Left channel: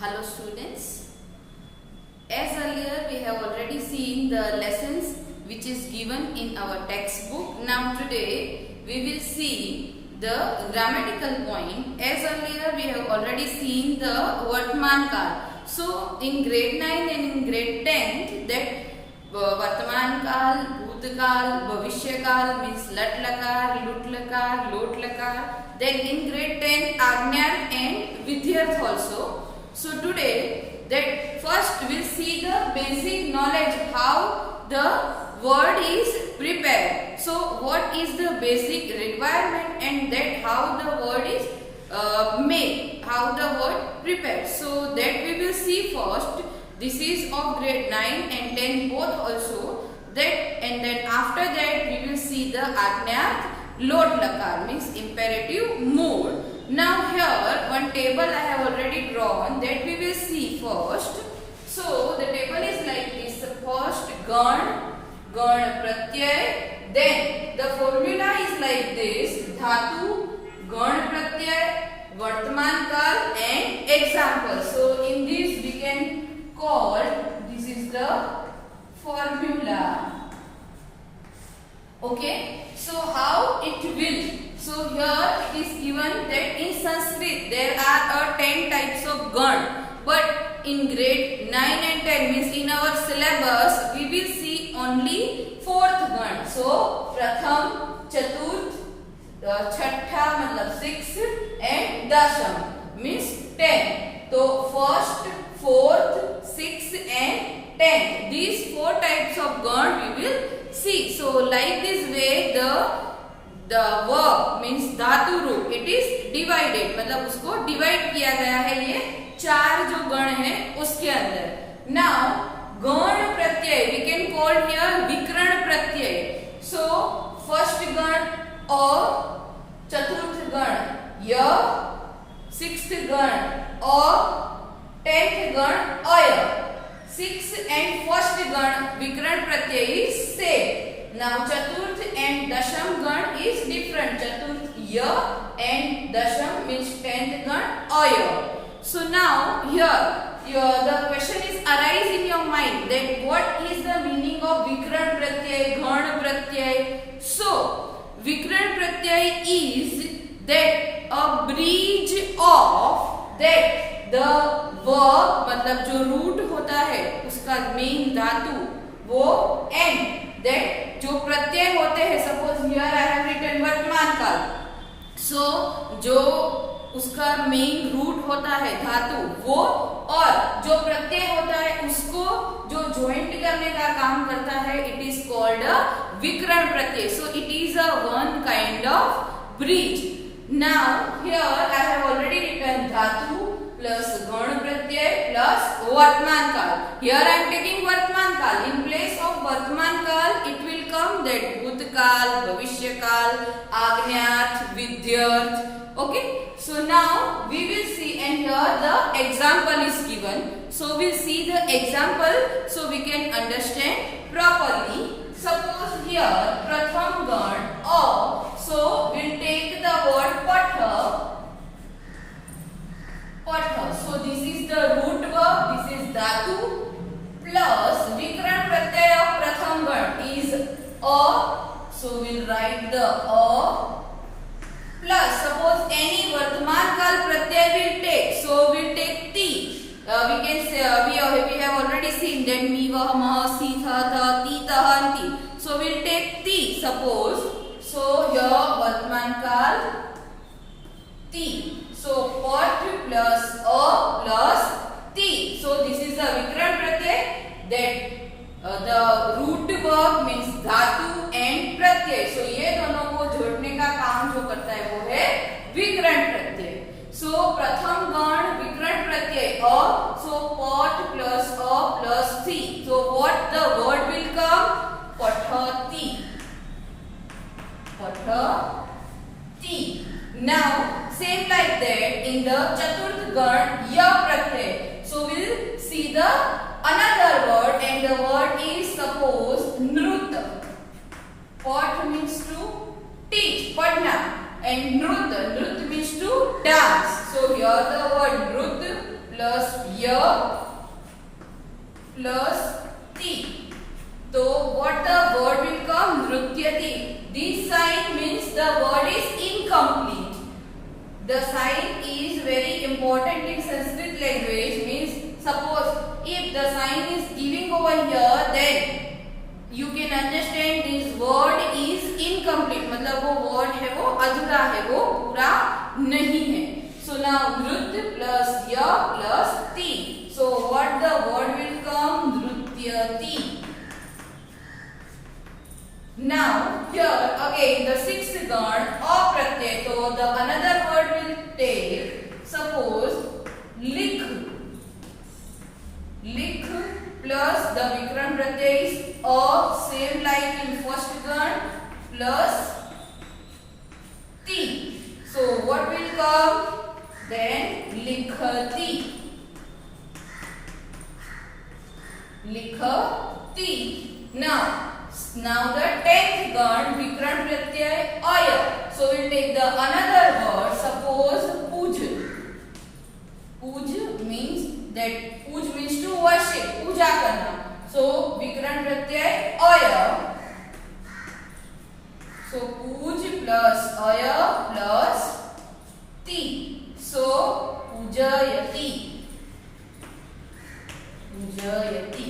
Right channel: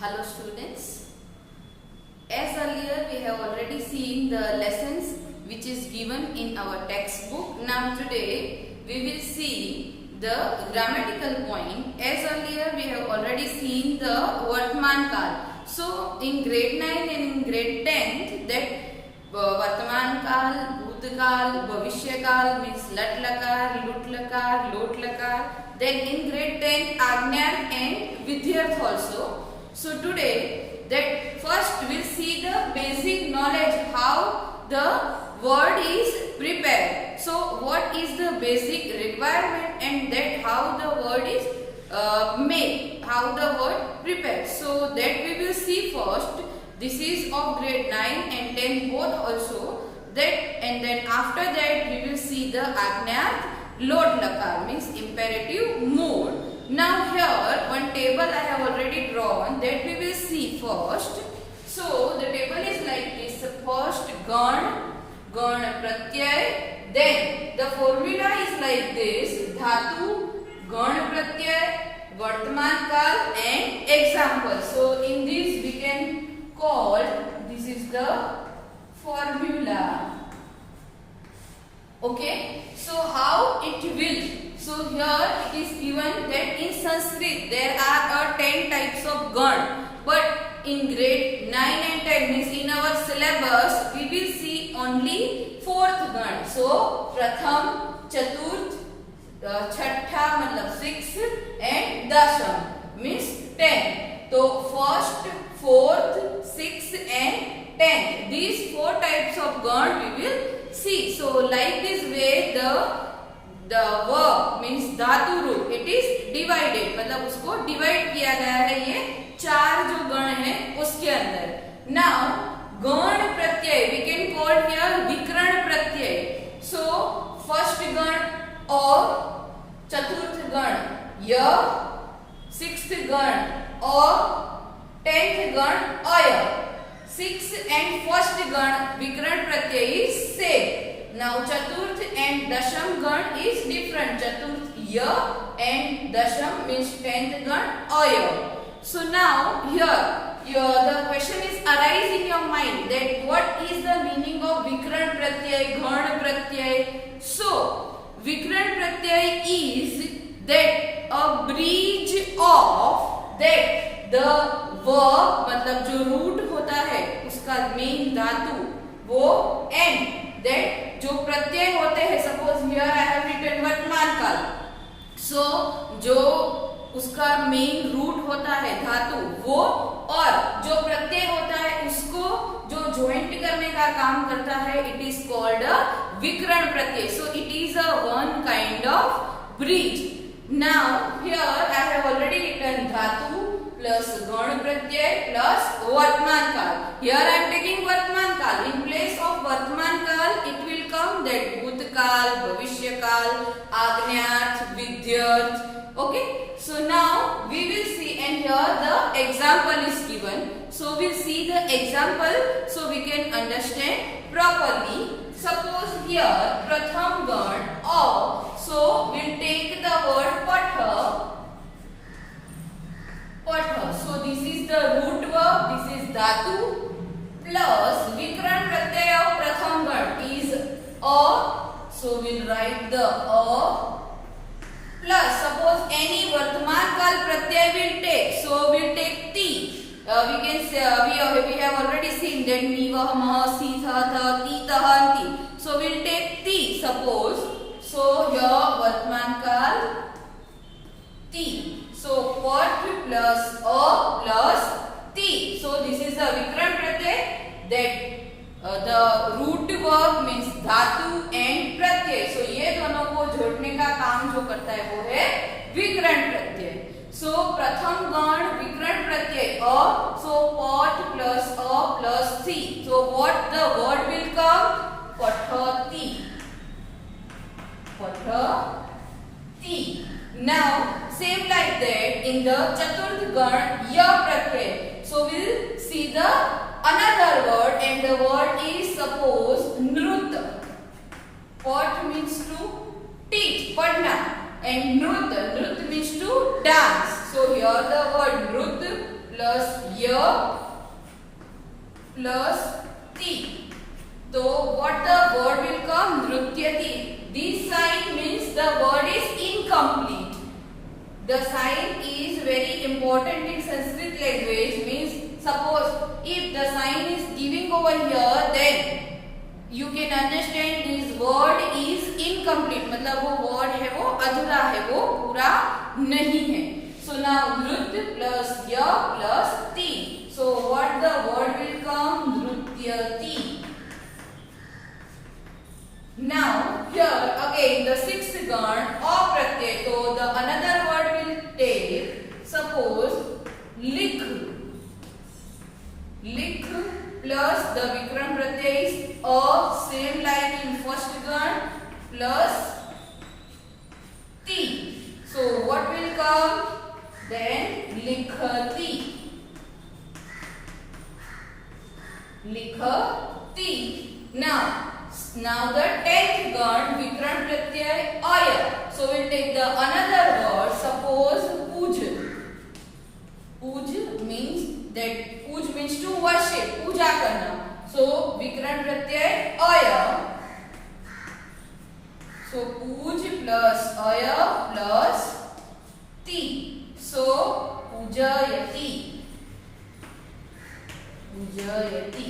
Hello students, as earlier we have already seen the lessons which is given in our textbook. Now today we will see the grammatical point. As earlier we have already seen the Vartman Kal. So in grade 9 and in grade 10 that Vartman Kal, Bhutkaal, Bhavishya means Lat Lakar, Lut Lakar, Lot Lakar. Then in grade 10 Agnyat and Vidyarth also. So today that first we'll see the basic knowledge how the word is prepared. So what is the basic requirement and that how the word is made, how the word prepared. So that we will see first. This is of grade 9 and 10 both also. That and then after that we will see the Agnyat Lot Lakar means imperative mood. Now here one table I have already drawn that we will see first. So the table is like this. First Gan Pratyay. Then the formula is like this. Dhatu, Gan Pratyay, Vartman Kal and example. So in this we can call, this is the formula. Okay. So how it will? So here it is given that in Sanskrit there are 10 types of Gan, but in grade 9 and 10 means in our syllabus we will see only 4th Gan. So Pratham, Chaturth, Chhattha matlab 6 and Dasham means 10. So first, 4th, 6th and 10th. These 4 types of Gan we will see. So like this way the verb means धातु रूप it is divided, मतलब उसको divide किया गया है ये 4 जो गण है उसके अंदर. Now गण प्रत्यय we can call here विकर्ण प्रत्यय. So first गण और चतुर्थ गण य, 6th गण और 10th गण अय. 6th and 1st गण विकर्ण प्रत्यय is same. Now Chaturth and Dasham Gan is different. Chaturth Ya and Dasham means 10th Gan Aya. So now here the question is arise in your mind that what is the meaning of Vikran Pratyay, Gan Pratyay. So Vikran Pratyay is that a bridge of that the verb मतलब जो root होता है उसका main धातु वो and that जो प्रत्यय होते हैं. Suppose here I have written वर्तमान काल. सो जो उसका मेन रूट होता है धातु वो और जो प्रत्यय होता है उसको जो ज्वाइंट करने का काम करता है इट इज कॉल्ड अ विकर्ण प्रत्यय. So it is a one kind of bridge. Now here I have already written धातु plus Gan Pratyay plus Vartman Kal. Here I am taking Vartman Kal. In place of Vartman Kal, it will come that Bhutkaal, Bhavishya Kal, Agnyat, Vidyarth. Okay. So now we will see, and here the example is given. So we'll see the example so we can understand properly. Suppose here Pratham Gan or so we'll take the word Patha. So this is the root verb, this is dhatu plus vikran pratyay of pratham gan is a. So we'll write the a plus suppose any vartman kal pratyay will take. So we'll take ti. We can say we have already seen that mi vah mah si tha tha ti tah ti. So we'll take ti. Suppose so here vartman kal ti. So pat plus a plus ti. So this is the vikran pratyay that the root verb means dhatu and pratyay. So ये दोनों को जोड़ने का काम जो करता है वो है विकरण प्रत्यय. So प्रथम गण विकरण प्रत्यय a. So pat plus a plus ti. So what the word will come? Pathati. Pathati. Now same like that in the Chaturth Gan Ya Pratyay. So we'll see the another word and the word is suppose Nrut. Pat means to teach, padna, and Nrut means to dance. So here the word Nrut plus y plus ti. So what the word will come? Nrutyati. This sign means the word is incomplete. The sign is very important in Sanskrit language. Means suppose if the sign is giving over here, then you can understand this word is incomplete. मतलब वो word है वो अधूरा है, वो पूरा नहीं है. So now nृत्य plus ya plus ti. So what the word will come? Nrutyati. Now here again the sixth gan apratyay. So the another word will take, suppose likh. Likh plus the vikram pratyay is a, same like in first gan, plus ti. So what will come? Then likhati. Likhati. Now the 10th gan vikram pratyay aya. So we'll take the another word, suppose puj. Puj means that puj means to worship, puja karna. So vikram pratyay aya. So puj plus aya plus ti. So pujayati. Pujayati.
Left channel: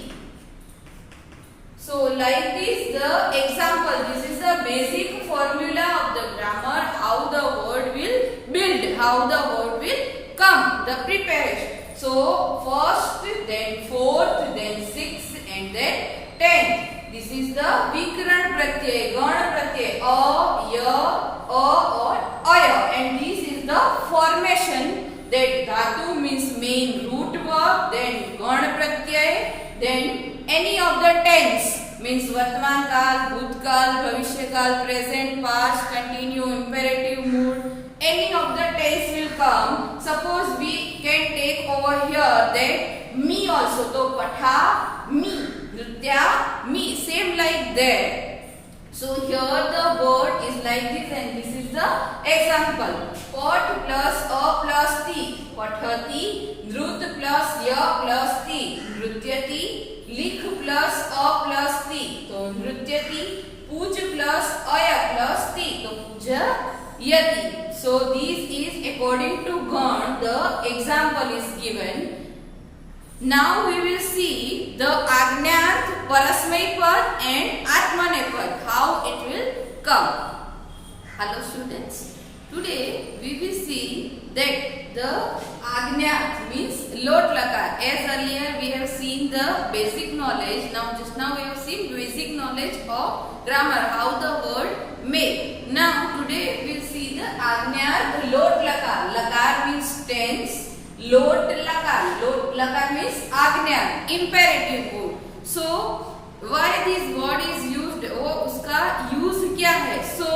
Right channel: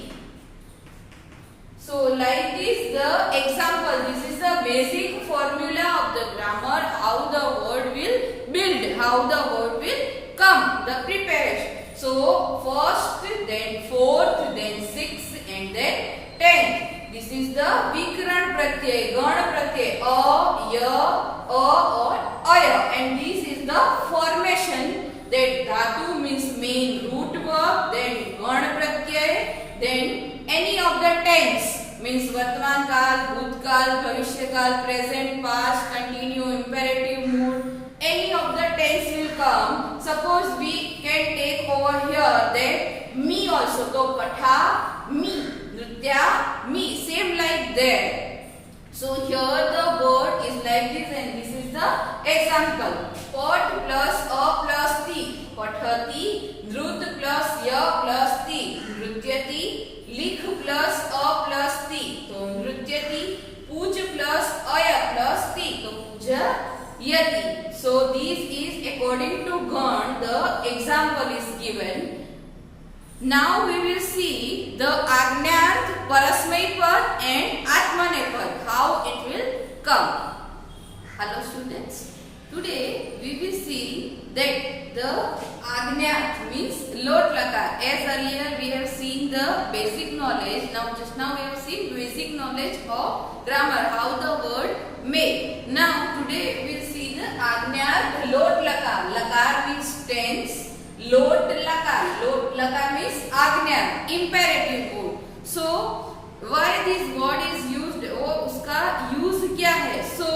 So like this the example, this is the basic formula of the grammar, how the word will build, how the word will come, the preparation. So first, then fourth, then sixth and then 10th. This is the vikran pratyay, gan pratyay, a, ya, a or aya, and this is the formation that dhatu means main root verb, then gan pratyay, then any of the tense means वर्तमान काल, भूतकाल, भविष्य काल, present, past, continue, imperative mood. Any of the tense will come. Suppose we can take over here that me also. So patha me, nritya me, same like that. So here the word is like this and this is the example. Pat plus a plus ti, pathati. Nrut plus ya plus ti, nrutyati. लिख plus अ plus ती, तो नृत्यति. पूज plus अय plus ती, तो पूजयति. So this is according to Gan, the example is given. Now we will see the Agnyarth, Parasmay Pad and Atmanepad, how it will come. Hello students. Today we will see that the Agnyarth means lot lakar. As earlier we have seen the basic knowledge. Just now we have seen basic knowledge of grammar, how the word made. Now today we will see the Agnyarth lot lakar. Lakar means tense. Lot lakar. Lot lakar means Agnyarth, imperative mood. So why this word is used? वो उसका use क्या है? So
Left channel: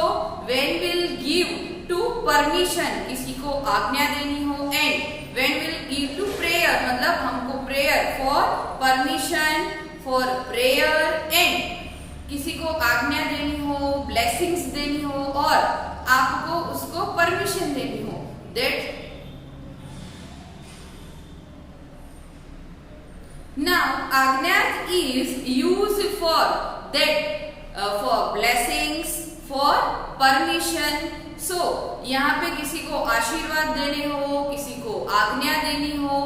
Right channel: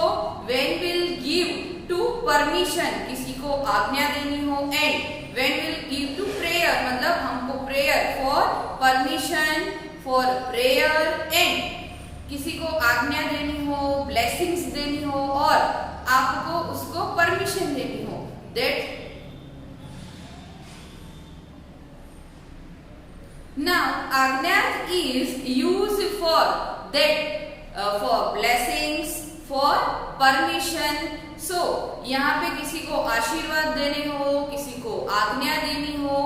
when will give to permission, किसी को आज्ञा देनी हो, and when will give to prayer, मतलब हमको prayer for permission, for prayer, and किसी को आज्ञा देनी हो, blessings देनी हो और आपको उसको permission देनी हो. That now Agnyarth is used for that, for blessings, for permission. So यहाँ पे किसी को आशीर्वाद देने हो, किसी को आज्ञा देनी हो,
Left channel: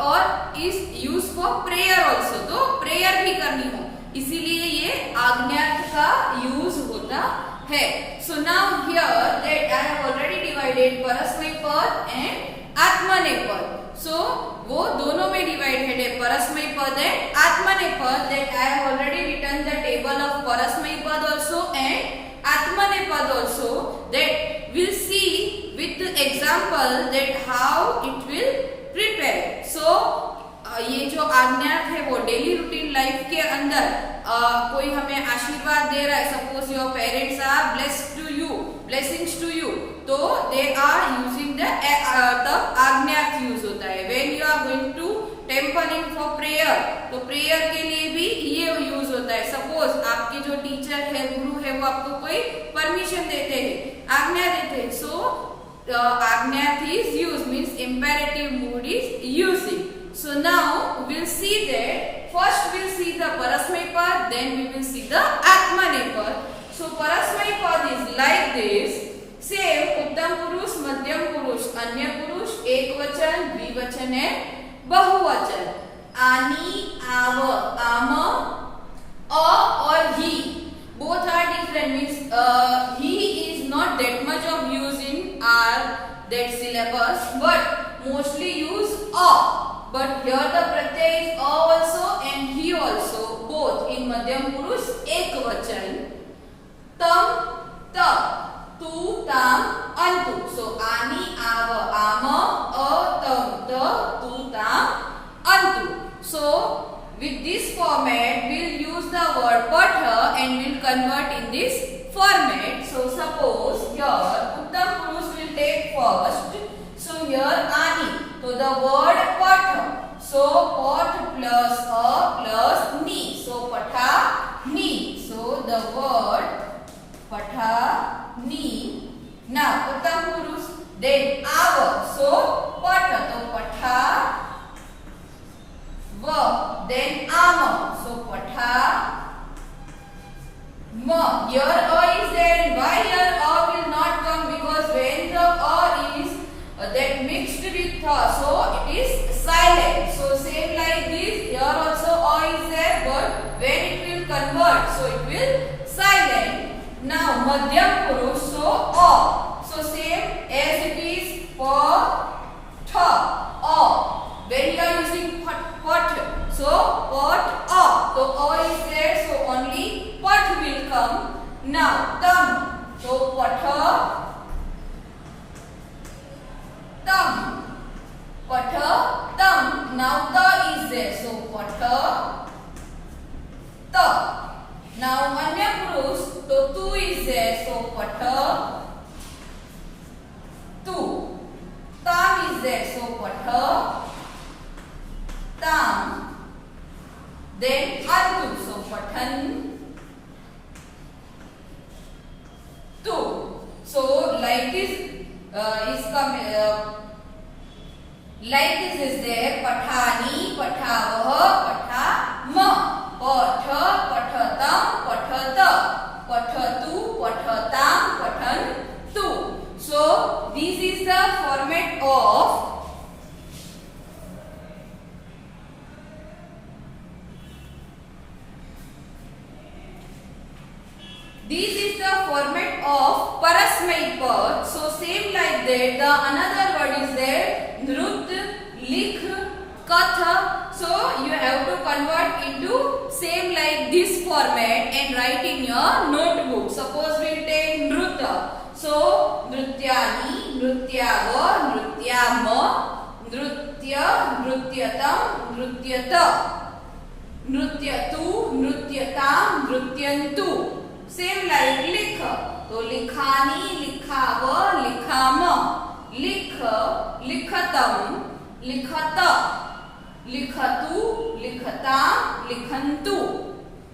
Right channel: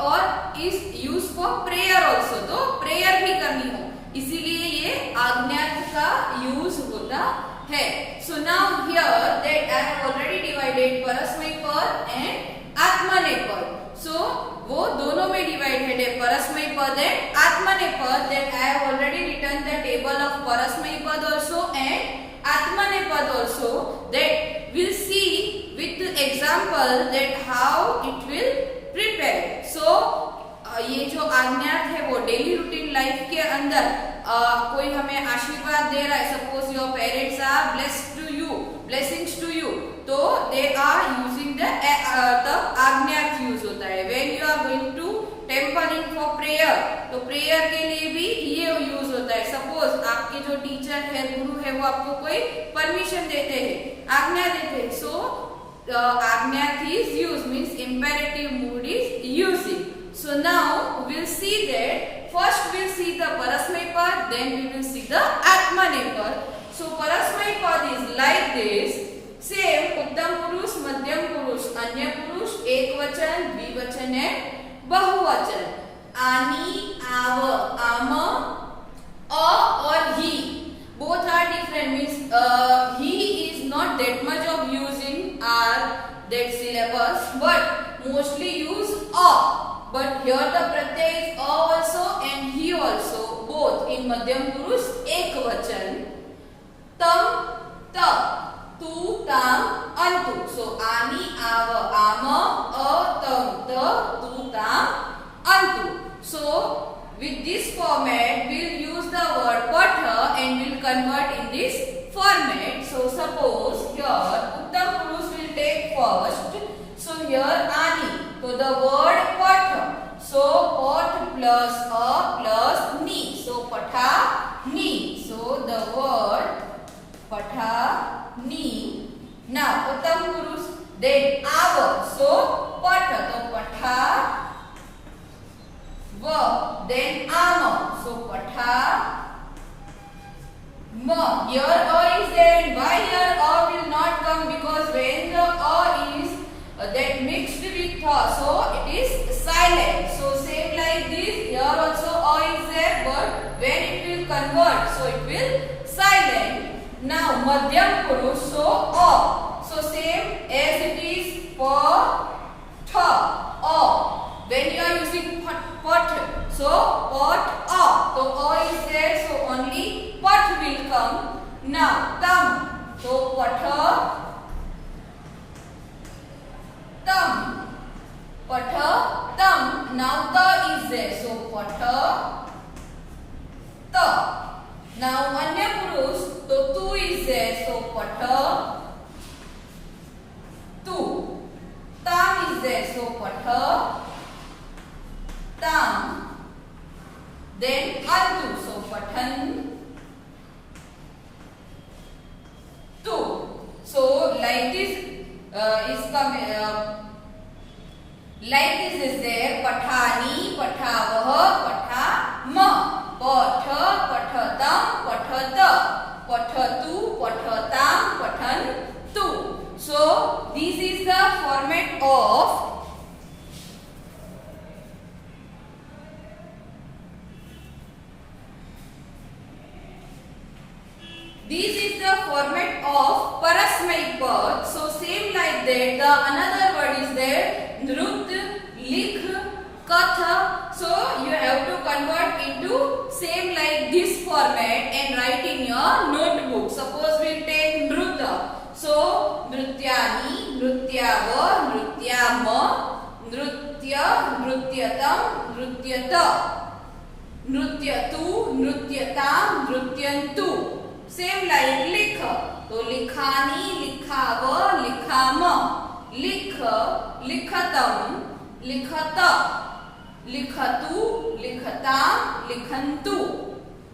और इस यूज फॉर प्रेयर ऑल्सो, तो प्रेयर भी करनी हो, इसीलिए ये आज्ञार्थ का यूज होता है. So now here that I have already divided परस्मय पद एंड आत्मनेपद. सो वो दोनों में डिवाइडेड है, परस्मय पद एंड आत्मनेपद. That I have already written the table of परस्मय पद also and Atmanepad also, that we'll see with the example that how it will prepare. So ये जो आज्ञार्थ है वो डेली रूटीन लाइफ के अंदर कोई हमें आशीर्वाद दे रहा है, suppose your parents are blessed to you, blessings to you, तो दे आर यूजिंग द आज्ञार्थ यूज होता है. When you are going to temple in for prayer, तो प्रेयर के लिए भी ये यूज होता है. सपोज आपके जो टीचर है, गुरु है, वो आपको कोई परमिशन देते हैं, आज्ञा देते हैं, सो आज्ञार्थ is use means imperative mood is using. So now we'll see that first we'll see the Parasmay Pad, then we will see the Atmaney Pad. So Parasmay Pad is like this. Same उत्तम पुरुष, मध्यम पुरुष, अन्य पुरुष, एकवचन, द्विवचन है, बहुवचन. आनी, आव, आम, a or he. Both are different. Means he is not that much of use in our that syllabus, but mostly use a. But here the pratyay is a also and he also, both in madhyam purush ekvachan. Tam, ta, tu, tam, antu. So ani, ava, ama, a, tam, ta, tu, tam, antu. So with this format we'll use the word patha and we'll convert in this format. So suppose here uttam purush will take first. So here ani. So the word patha. So pat plus a plus ni. So patha ni. So the word patha ni. Now uttam purush. Then ava. So patha. So patha va. Then ama. So patha ma. Here a is there and why here a will not come, because when the a is that mixed with tha, so it is silent. So same like this, here also a is there, but when it will convert, so it will silent. Now madhyam purush, so a. So same as it is for tha, a. When you are using pot, so pot a. So a is there, so only pot will come. Now tam, so patha tam, patha tam. Now ta is there, so patha ta. Now anya purush, so tu is there, so patha tu. Tam is there, so patha tam. Then antu, so pathan tu. So like this is coming. Like this is there, pathani, pathavah, pathama, patha, pathatam, pathata, pathatu, pathatam, pathantu. So this is the format of Parasmay Pad. So same like that, the another word is there, nrut, likh, katha. So you have to convert into same like this format and write in your notebook. Suppose we take nruta. So nrutyani, nrutyava, nrutyama, nrutya, nrutyatam, nrutyata, nrutyatu, nrutyatam, nrutyantu. Same like likha. तो लिखानी, लिखाव, लिखामा, लिख, लिखतम, लिखत, लिखतु, लिखताम, लिखंतु.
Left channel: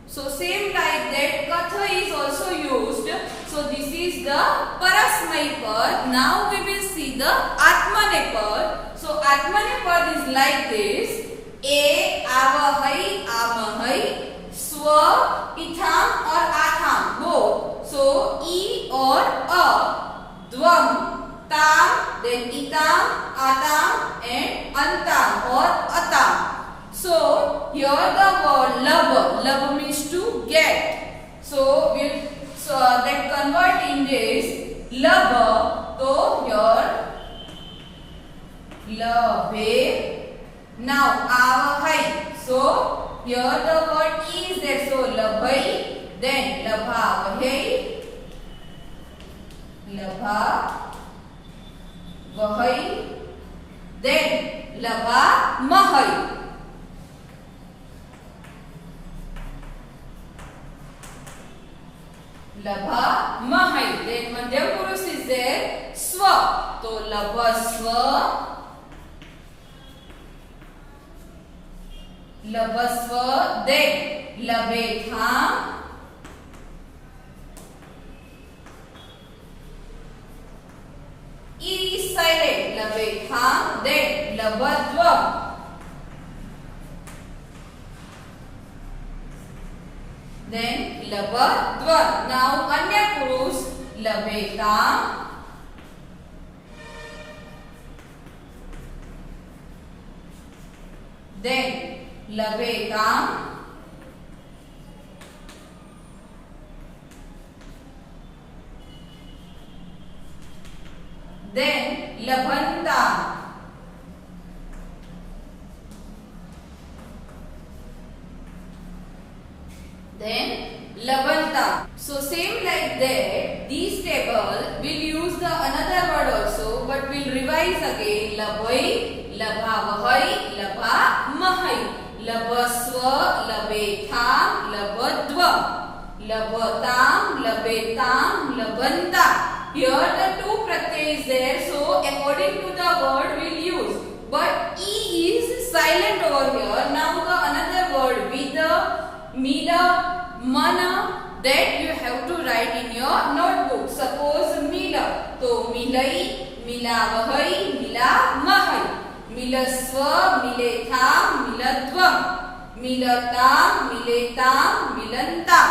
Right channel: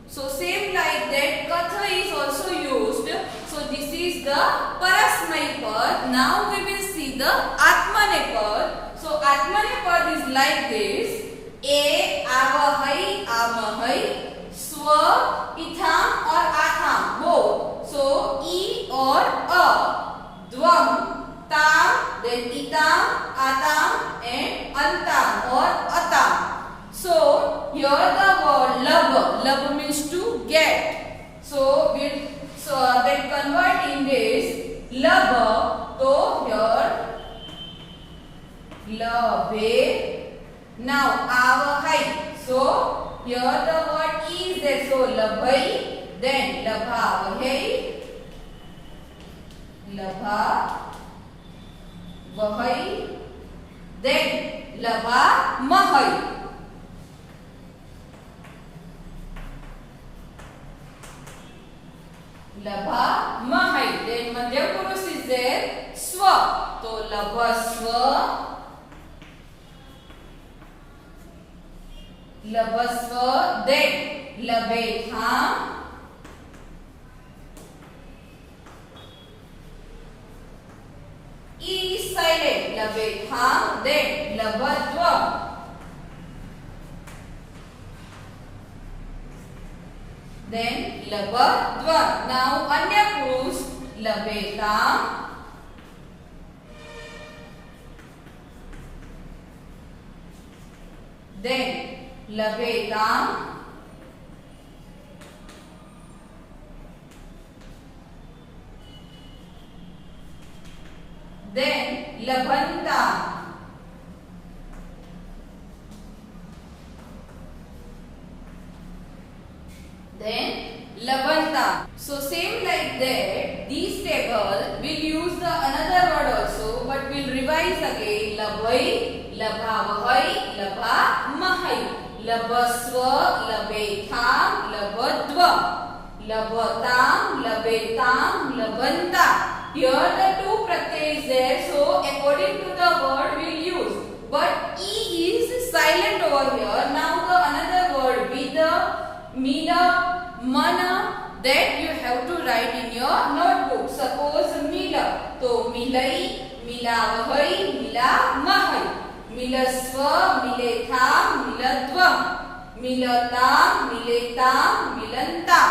So same like that, katha is also used. So this is the Parasmay Pad. Now we will see the Atmaney Pad. So Atmaney Pad is like this. A, avahai, amahai, swa, itham or atham, both. So e or a, dvam, tam, then itam, atam and antam or atam. So here the word lab means to get. So we'll then convert in this lab. So here labe. Now avahai. So here the word is there. So labhai. Then labha vahai, labha vahai, then labha mahai. Labha mahai. Then madhyam purush is there, swa. So labha swa, labha swa, then labhe tham. E is silent, labhe tham, then labhadvam, लभध्वम्. Now अन्य पुरुष लभेताम्. Then लभेताम्. Then लभन्ताम्. Then labanta. So same like that, these table will use the another word also, but we'll revise again. Labhai, labhavahai, labhamahai, labaswa, labetham, labadvam, labatam, labetam, labanta. Here the two pratyay is there, so according to the word we'll use. But E is silent over here. Now the another word with the Mila, Mana, that you have to write in your notebook. Suppose Mila, so Milai, Milavahai, Milamahai, Milaswa, Miletham, Miladvam, Milatam, Miletam, Milantam.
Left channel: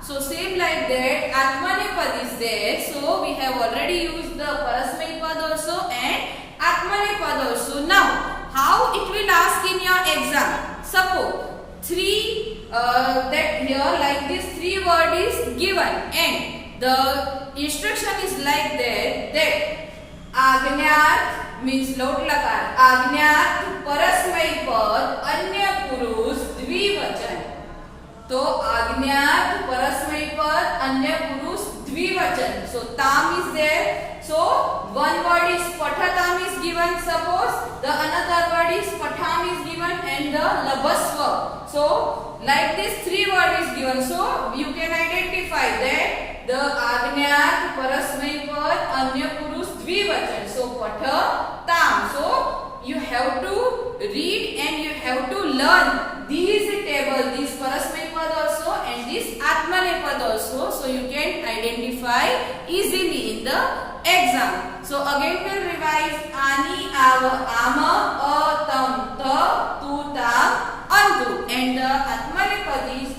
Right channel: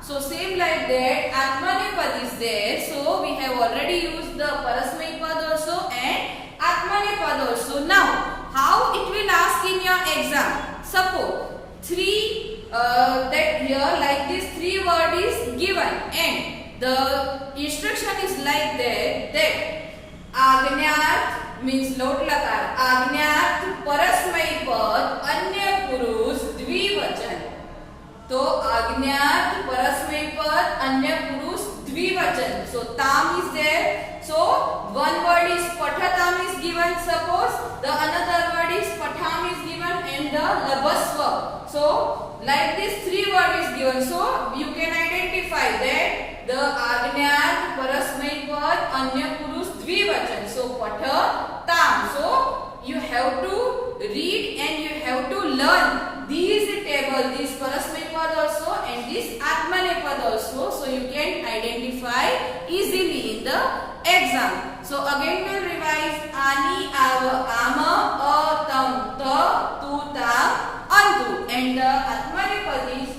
So same like that, Atmanepad is there. So we have already used the Parasmaipad also and Atmanepad also. Now, how it will ask in your exam? Suppose that here like this 3 word is given and the instruction is like that Agnyat means lot lakar, Agnyat Parasmaipad Anya Purush Dvivachan. So Agnyat Parasmaipad Anya Purush Dvivachan. So tam is there. So one word is Pathatam is given. Suppose the another word is Patham is given and the Labaswa. So like this 3 word is given. So you can identify that the Agnyat Parasmaipad Anya Purush Dvivachan. So Patha Tam. So you have to read and you have to learn these tables, this Parasmaipad also and this Atmanepad also. So you can identify easily in the exam. So again we'll revise Ani, Ava, Ama, Tam, Ta, Tu, Ta, Antu. And the Atmanepad is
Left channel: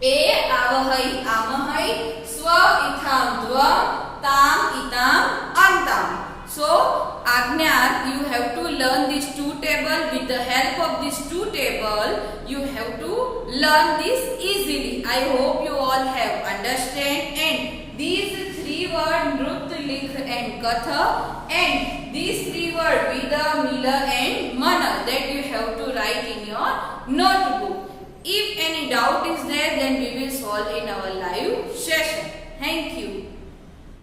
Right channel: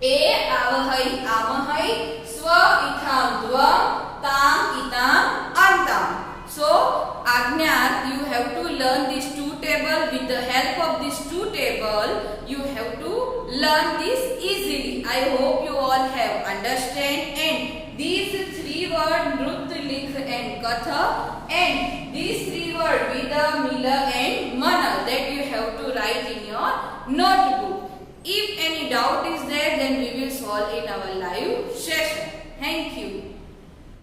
A, Avahai, Amahai, Swa, Itham, Dvam, Tam, Itam, Antam. So Agnyat, you have to learn these 2 tables. With the help of these 2 tables, you have to learn this easily. I hope you all have understand. And these 3 words Nrut, Likh and Katha, and these 3 words Vida, Mila and Mana, that you have to write in your notebook. If any doubt is there, then we will solve in our live session. Thank you.